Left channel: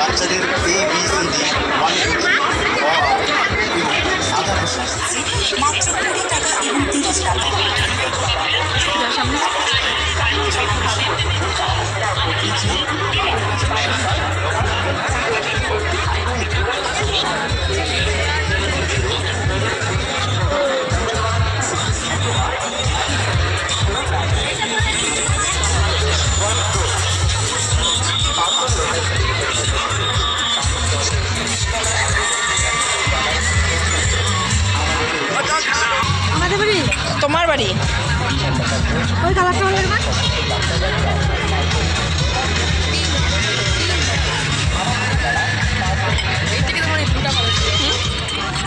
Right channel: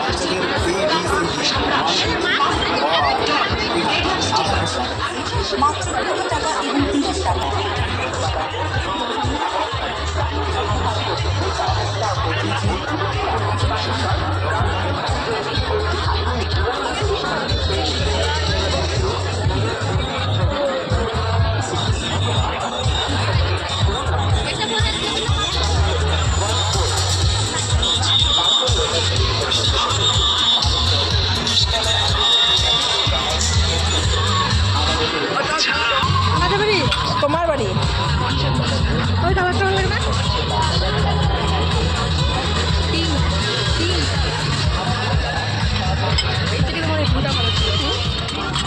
বাচ্চাদের ABCD 1 সাধারণ মাত্র 20 টাকা এবং 30 টাকা। তোমার বাড়ি ওই কালারটা ভালো লাগে না?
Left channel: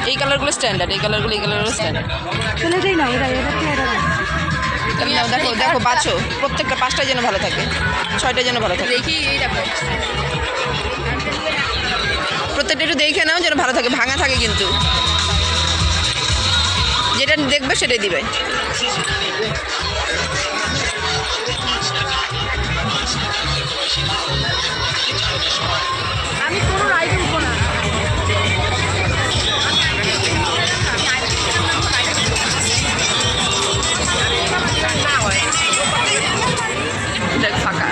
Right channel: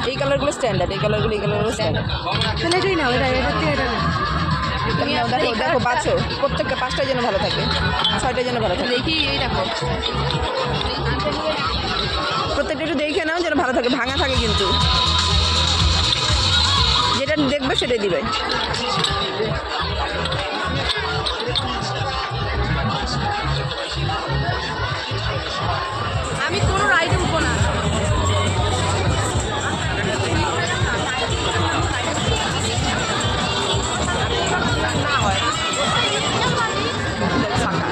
এই কালারগুলো স্ট্যান্ডার্ড, এই কালারগুলো স্ট্যান্ডার্ড। তাহলে এটাই না, তুমি নাও, দেখো দেখো বাছো, প্রত্যেকটা 5টাই যেন ভালো থাকে, 6টাই যেন ভালো থাকে। দেখি এই দেখো, প্রত্যেকটা একটু দেখে নাও যেন ভালো থাকে, ভাঙা থাকে কিন্তু। যেটা দেখবে সেটাই দিবে। আমি কোনো রাইডের উপর দেখ ফাঁকা।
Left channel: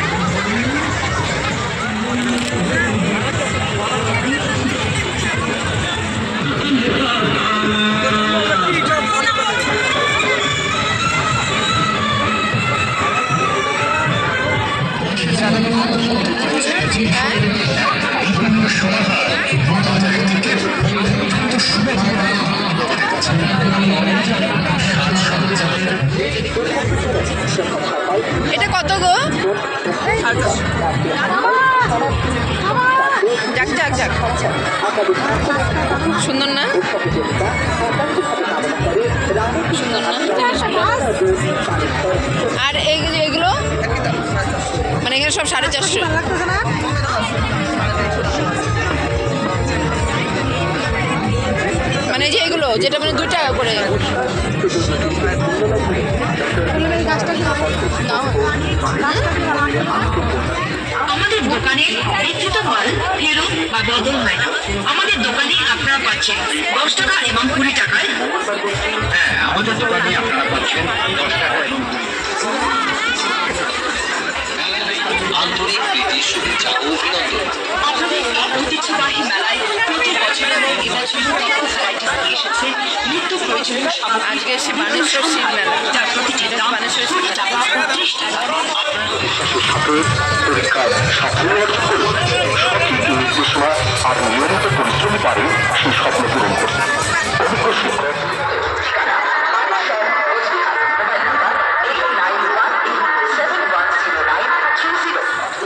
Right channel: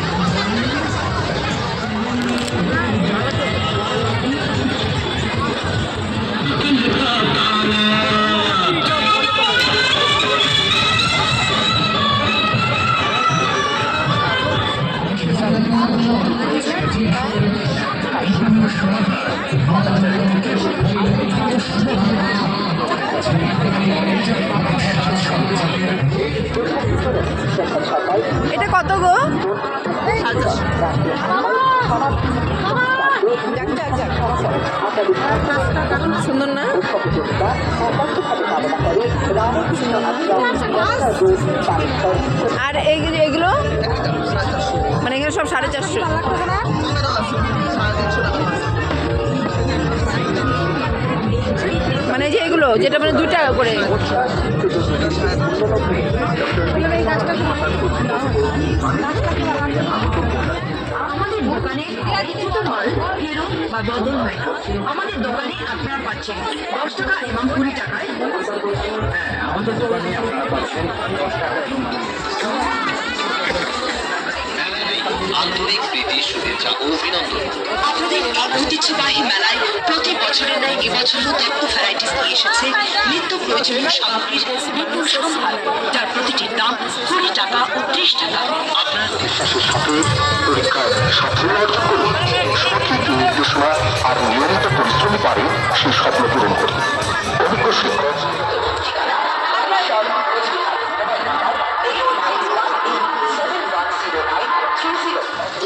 এটা কত গো? যাক যাক যাক, সুন্দর না? সুন্দর না? আর এগুলো মানে এখানে সব 450। মানে যে এগুলো যেটা মানে 2 টাকা করে। আমাদের দোকানে বিক্রিত মাল ফেরত বা বদল হয় না। আমাদের দোকানে আপনারা পাচ্ছেন 10 টাকা এবং 20 টাকায়। হ্যাঁ, আমাদের দোকানে আপনারা পাচ্ছেন 10 টাকা এবং 20 আপনাদের ঐতিহ্যবাহী মেলায় প্রতি বছরের ন্যায় এবছরও তথ্য ভ্যারাইটিস নিয়ে এসেছে নিত্য প্রয়োজনীয় সামগ্রী। আজকে এসে বানেশ্বর শিব মেলা, যার প্রতিটি দাম 20 টাকা ও 30 টাকা। আপনার বিশ্বাসের সাথে পরীক্ষার সাফল্য অর্জন করুন এবং সঠিক নির্দেশনা আর নিয়মিত পরিশ্রম পারে সেই স্বপ্ন পূরণ করুন। অভিজ্ঞ শিক্ষক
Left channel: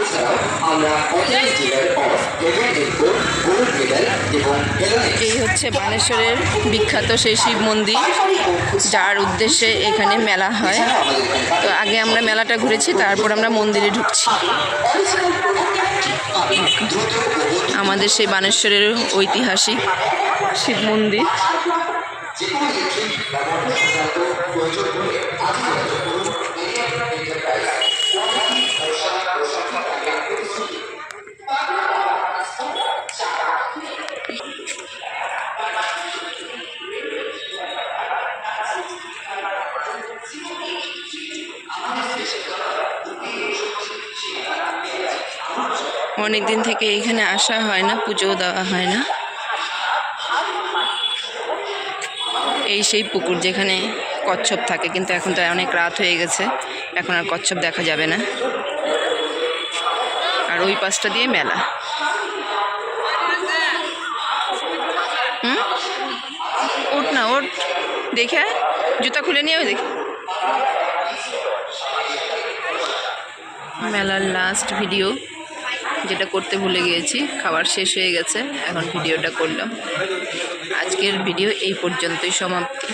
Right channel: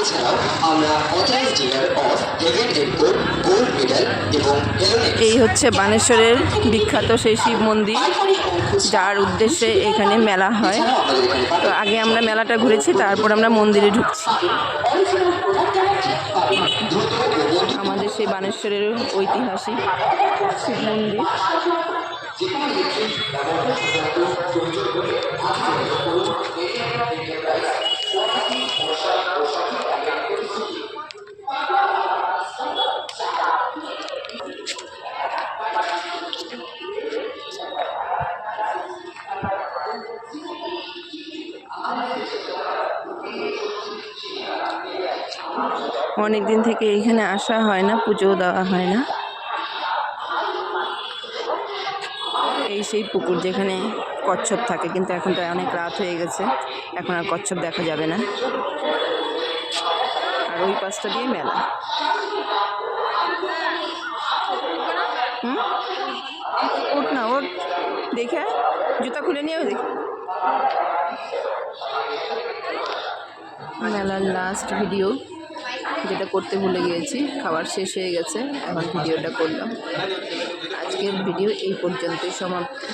এছাড়াও আমরা authorised dealer of level raincoat, gold medal এবং এই হচ্ছে বানেশ্বরের বিখ্যাত সেই শিব মন্দির, যার উদ্দেশ্যে এখানে মেলা হয়। তো আগে আমরা মেলাটা ঘুরেছি, তারপর আমরা মন্দিরে ঢুকছি। আমাদের সেই বানেশ্বরের ঐতিহাসিক শিব মন্দির। অনেক দিন থেকে এইখানে আসা হয় না, পুজো দেওয়া হয় না। এই সেই পুকুর যেখানে কচ্ছপ থাকে, কিন্তু এখন তো অনেক রাত হয়ে গেছে, এখন আর কচ্ছপ দেখা যাবে না। আর ওই পাশটা দিয়ে মেলা। দেখে আয়, জুতা খুলে নিয়ে দেখি। মেলার লাস্ট ভিডিও যেটা করতে ভুলে গিয়েছি, খাবার শেষ হয়ে গেছে, এখন ভিডিওটা করলাম। আজকের ভিডিও এই পর্যন্তই সমাপ্তি।